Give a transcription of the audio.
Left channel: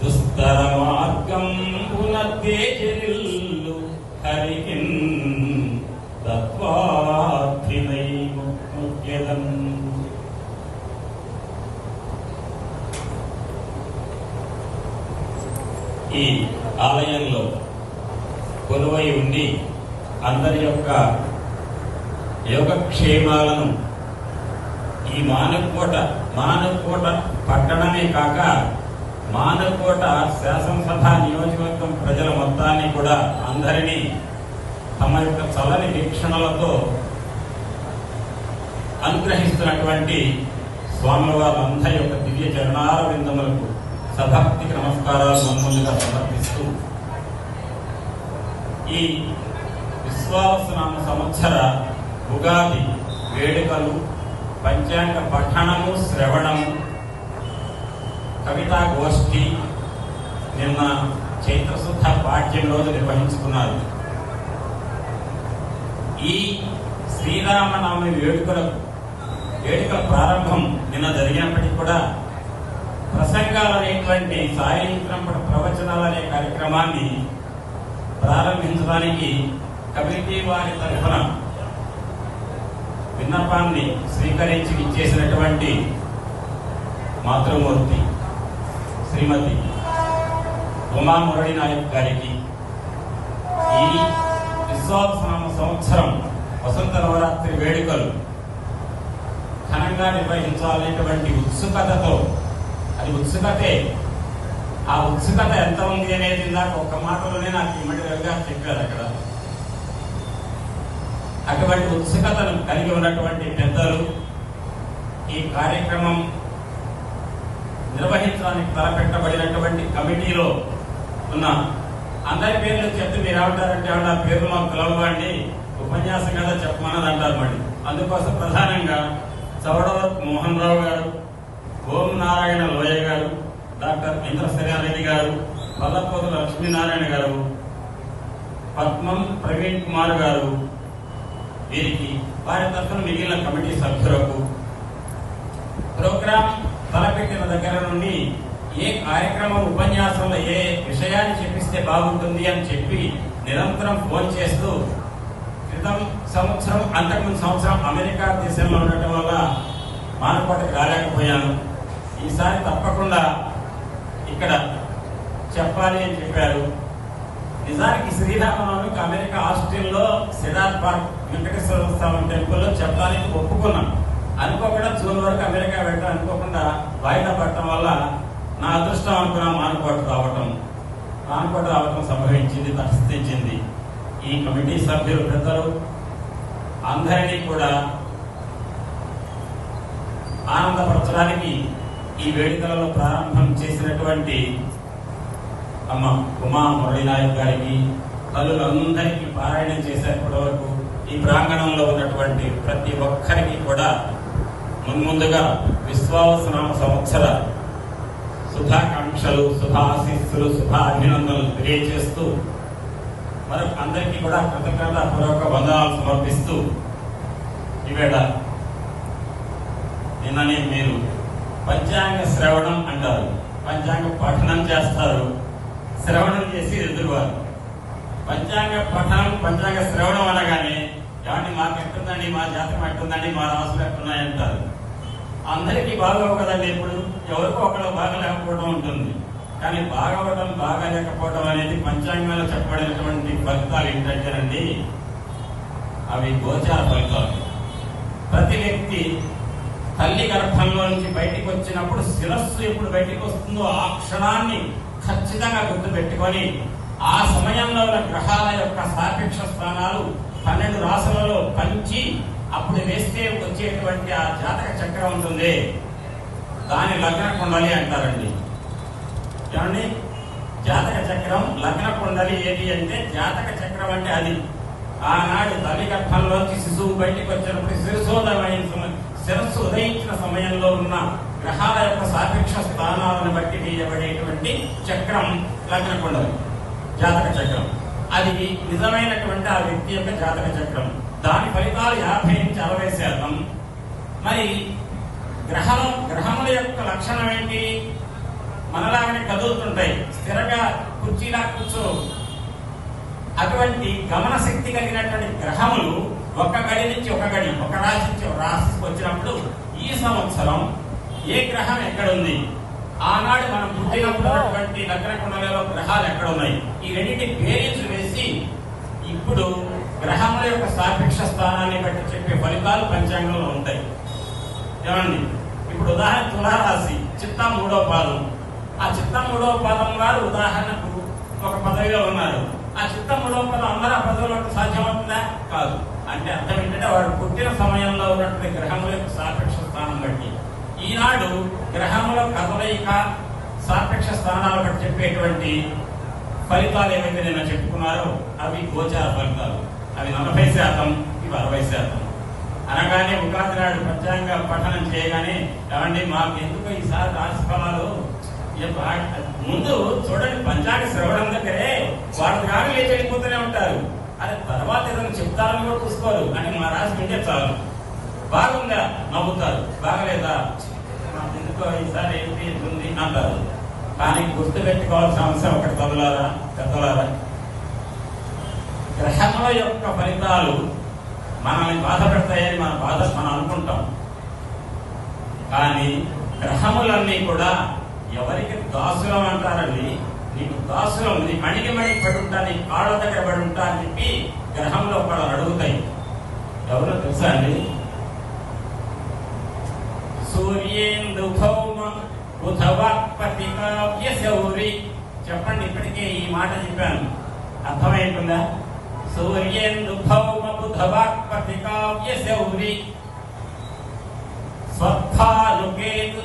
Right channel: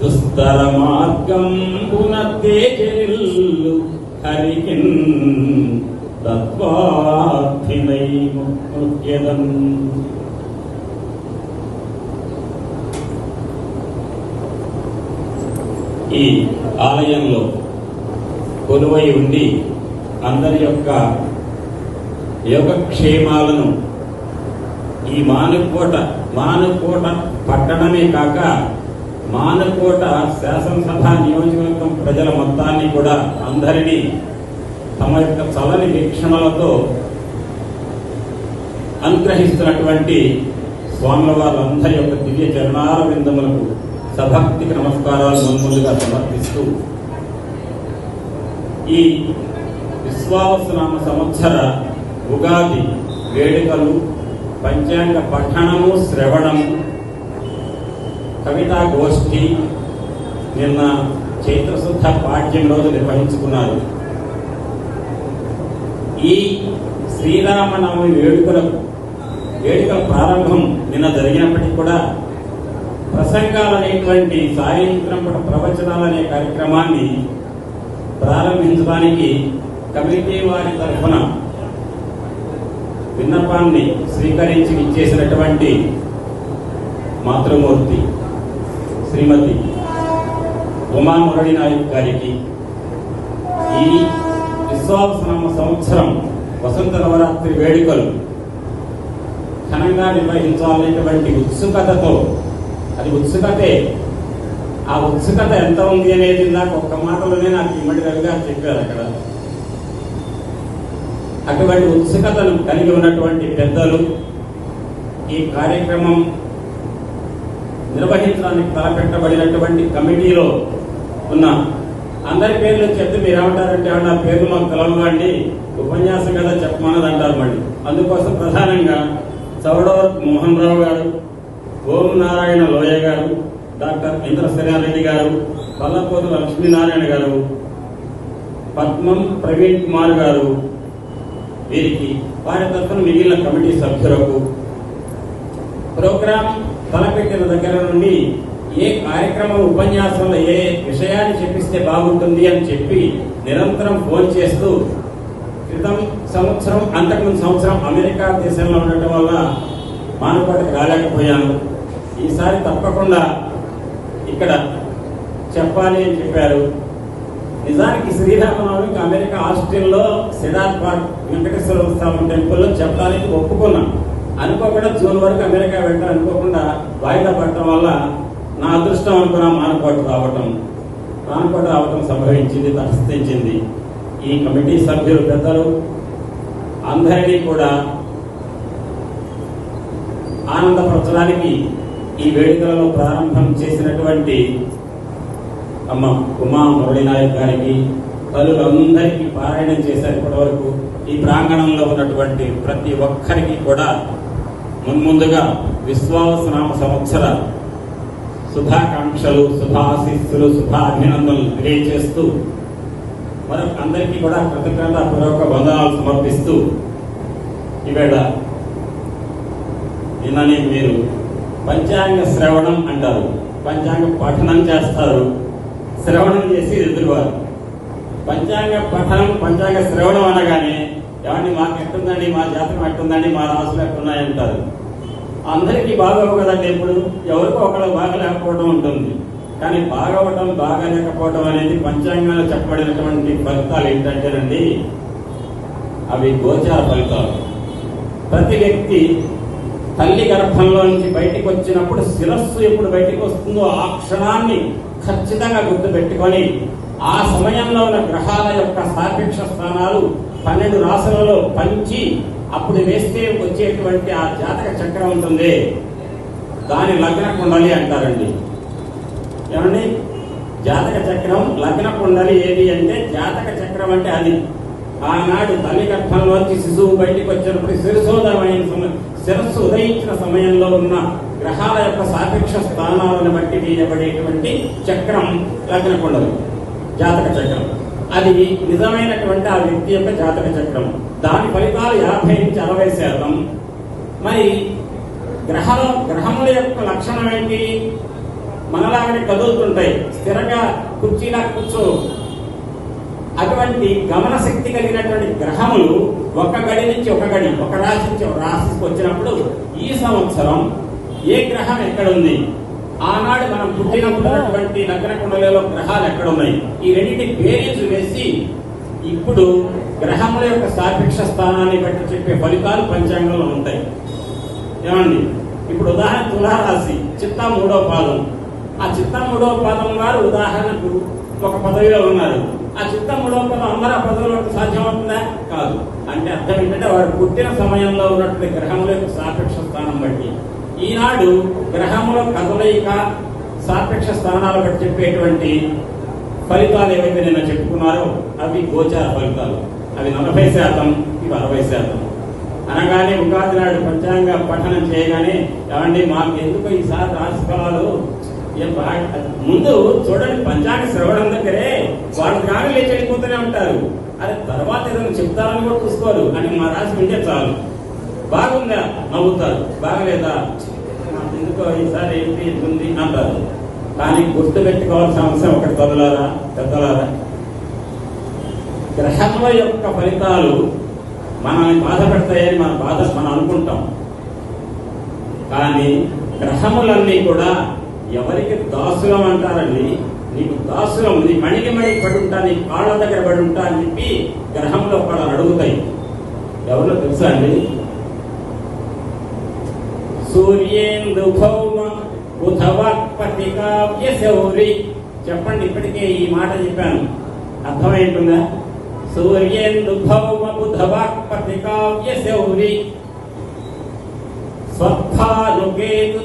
దుస్తర మార్గం పునర్దేజనిల్లు హరికిన్ తత్వార్థినై ముఖ్యదం ఈ ఆలయంలో కొలువై ఉండి అందరి యొక్క యోగక్షేమాలను ఈ మానకోట మానకోట పట్టణమే కాక మానకోట శాసనసభ నియోజకవర్గం ప్రజల మొత్తాన్ని కూడా అందరినీ తమ యొక్క చలని వీక్షణలతో అనుగ్రహిస్తున్నటువంటి స్వాముల వారందరి యొక్క దివ్య చరణాల బృందములకు సభక్తికి నమస్కారాలు ముందుగా సమర్పిస్తూ ఈ విశ్వాసనామ సంవత్సర ఉగాది వేడుకలు పంచాంగ పఠనము శ్రవణము కవితా గోష్ఠి నిన్న చైత్రశుద్ధ పాఠ్యం రోజు నిర్వహించుకున్నారు. ఈ శ్రీరామనవమి వేడుకల వేడుకల ప్రారంభం నిన్న జరిగినప్పటికీ కూడా ప్రసంగాలు అనేటువంటి సాయంత్రం ప్రవచనాలు అనే కార్యక్రమాన్ని ప్రారంభించడానికి కమిటీ వారి తరఫున విన్నపాన్ని స్వీకరించి ఇచ్చేసినటువంటి మాతృమూర్తి శ్రీమతి ఉమామురళి నాయక్ గారికి ఈ విశ్వాసనామ సంవత్సరం వసంత నవరాత్రి వేడుకలు ఘనంగా నిర్వహించాలనేటువంటి ఉత్సుకతతో అది ఉత్సుకతే ఆ ఉత్సుకత ఎంత ఉంది అనేది నాకు ఒక్క మాటలోనే నాకు ఇమ్మడి రవి గారు చెప్పారు అక్కడ. అటువంటి ఉత్సుకతను కలిగి ఉన్నటువంటి పెద్దలు ఈ కార్యక్రమం నిర్వహించడానికి తలపెట్టబడినటువంటి కమిటీలో ఉన్న అందరి పేర్లు చెప్తే మీరు ఏమంటారంటే నా పేర్లు మాకు ఉపన్యాసం కదా చెప్పమన్నది అంటారు మళ్ళీ అందుకోసం ప్రధానంగా చౌడవర్ మోహన్ రావు గారు ఓం నారాయణ లోయ గారు డాక్టర్ ఇంద్రశ్రీరెడ్డి గారు పల్లపోతు లక్ష్మీనారాయణ గారు పద్మం ప్రవీణ్ కుమార్ గారు వీరికి వారి తరఫున మిగిలిన కమిటీ సభ్యులకు ప్రోగ్రామ్ తలపెట్టిన దగ్గర నుండి ఏ కార్యక్రమం ఉపన్యాసంలో ఏ విషయాన్ని చెప్పిస్తే బాగుంటుంది అని చెప్పి నిరంతరం ఫోన్ చేస్తూ క్రితం సంవత్సరం అంతకుముందు సంవత్సరం అమెరికా దేశంలో ఉండటం వల్ల మానకోటకి రాలేకపోయాను. ఈసారి తప్పకుండా ఇక్కడ చెప్పాలి అని చెప్పారు. నిజానికి శ్రీరామనవమికి అమెరికా హాస్టల్లో సిడార్ పార్క్ వెంకటేశ్వర స్వామి టెంపుల్లో చెప్పడానికి ఒప్పుకున్నాను అనుకోకుండా జూన్ వరకు అమెరికా వెళ్ళడం అనుకోకుండా వాయిదా పడటం వల్ల నా అదృష్టం అనుకున్న మానపాటు రావటం మానపాటు రావటం సంభవించింది తటస్థించింది ఈ కమిటీ సభ్యులు పెద్దలు అందరినీ కూడా ఆనందపరచడానికి ఈ వేడుకలలో ప్రారంభం చేసినటువంటి అమ్మ ఉమా మురళీనాయక్ గారికి తల్లులందరికీ పారాయణం చేశారు ఇప్పటివరకు. ఈ ప్రాంగణంలో ఉన్నటువంటి ప్రతి ఒక్కరికి కూడా మున్ముందుగా విశ్వాసనామ సంవత్సర శుభాకాంక్షలు శుభాశీస్సులు శుభాభినందనలు తెలియజేస్తూ మరి అందరికీ కూడా కృతజ్ఞత పూర్వక వందనాలు సమర్పిస్తూ ఈవేళ నిన్ననే మీరు పంచాంగ శ్రవణం అంటారు. పంచాంగ పఠనం చేస్తారు. శ్రవణం చేసి ఎదురువారు. పంచాంగ పఠనం పంచాంగ శ్రవణం అనగానే ఏమండి మాకు ఎట్టుందండి? మా జాతకం ఎట్టుందండి? మా రాసులు ఎట్టున్నాయి అంటారు. అందరికీ బాగోవు కదండి ఇప్పుడు ఎవరికో ఒకళ్ళు బాగలేకపోవడం ఉంటుంది. కానీ బాగవటం బాగలేకపోవడం అనేది పంచాంగాలు చెప్పబడినటువంటి ఫలితాలు ఏంటంటేనండి అవి గోచార ఫలితాలు. ప్రతి వ్యక్తి తల్లి గర్భంలో నుంచి బయటికి వచ్చినప్పుడు శిరస్సు ఎప్పుడు బయటికి వస్తుందో ఆ క్షణాన్ని ఖచ్చితంగా గుర్తుపెట్టుకొని ఆ సమయంలో ఉన్న గ్రహాల యొక్క సాపేక్ష స్థానాలు పన్నెండు రాసులలో పంచి అప్పుడు వేస్తే వచ్చేటువంటి ఆ జాతక చక్రం ఉంటుంది. దాని లగ్న కుండలి అంటారండి. ఏమండి? జాతక చక్రం లగ్న కుండలి ఏది అంటే జాతక చక్రం అంటే అది. ఆనాడు తల్లి గర్భంలోంచి శిశువు బయటికి వచ్చినప్పుడు శిరసోదరమైన సమయం శిరస్సు ఉదయించిన సమయంలో ఉన్న గ్రహాల యొక్క సాపేక్ష స్థానాలను బట్టి తీయబడేటువంటి చక్రం లగ్న కుండలి జాతక చక్రం. అది నిజమైనటువంటి ఆ వ్యక్తి యొక్క జాతక చక్రం. దాని ఫలితాలు యాభై నుంచి అరవై శాతం. మరి గ్రహం గ్రహముల యొక్క లక్షణం ఏంటి? మనలాగానే కదులుతుంటాయి. స్థిరంగా కుర్చీలా కూర్చో అటువంటి గమన శక్తి కలిగినటువంటి గ్రహములు ఒక గడి నుంచి ఒక గడి ఒక రాశి నుంచి ఒక రాశికి వచ్చినప్పుడు ఈ సంవత్సరం ఏ గ్రహం ఎక్కడుంది? ఆనాడు పుట్టినప్పుడు ఉన్నటువంటి నగర కుండలలో గ్రహాలు ఎక్కడ ఉన్నాయి ఈ రెండింటి బేరీజు వేసి ఇప్పుడు గ్రహముల యొక్క సాపేక్ష స్థానాన్ని బట్టి చెప్పే ఫలితాలు పంచాంగంలో ఉంటాయి. ఏమండి? ఇప్పుడు ఉదాహరణ తులారాశి చిత్త మూడో పాదం. ఆ చిత్త మూడవ పాదం వారు ఉదాహరణకు ఒక పదవిలో ఉన్నారు. ఆ చిత్త మూడవ పదం అందరూ ఆ పదవిలో ఉండడం సాధ్యమవుతుందా? కాదు. అంటే అర్థం ఏంటంటే వారు పుట్టిన సమయంలో ఉన్నటువంటి గ్రహముల యొక్క సాపేక్ష స్థానం బట్టి. ఈనాడు గ్రహముల కదలయిక సాపేక్ష స్థానాలు బట్టి చెప్పేటువంటి ఫలితాలు ఏవైతే నేను చెప్పుకున్నారో అవి గోచార ఫలితాలు. అవి నలభై శాతం ఇవి అరవై శాతం. అనగానే ఉగాది నాడు పంచాంగ పఠనం చేయగానే ఏమండి మాకు ఎందుకు ఈసారి రాశి ఫలాలు? ముందు చూడండి పంచాంగ శ్రవణం దగ్గరే వాళ్ళు కాదు లేచి వెళ్ళిపోతూనే ఉంటారు. అది తర్వాత ఏదైనా చెప్తారని కూడా చూసుకోరు. అని మా రాష్ట్రం వింటే చాలు. బాగుందా? నవ్వుతారు. బాగలేదా? మాకు ఎందుకో ఈసారి ఏంటి? ఉంది అంటారు. కానీ గుర్తు పెట్టుకోవాల్సిన అంశం ఒకటి తొలలారా పెద్దలారా గ్రహముల యొక్క ఫలితాలు మనల్ని బాధపడతాయని మన బాధ మనం అనుకుంటాం. కానీ గ్రహములన్నీ కూడా ఎవరికి దాసులం అంటారండి? నీకు దాసులం నీ మణికి మణి పడుంటా నీ కాళ్ళ దగ్గర పడుంటా అని చెప్పి గ్రహంలో కూడా అడుగుతాయి. ఎవరో తెలుసా అండి? సూర్యేందుభౌ భౌమ కావ్య శౌరి చెప్పండి ఇప్పటికే ఈ మాట చెప్పాను. అర్థమైంటుందా సూర్యేందు భౌమ బుధవాక్పతి కావ్య శౌరి స్వస్థానుకేతు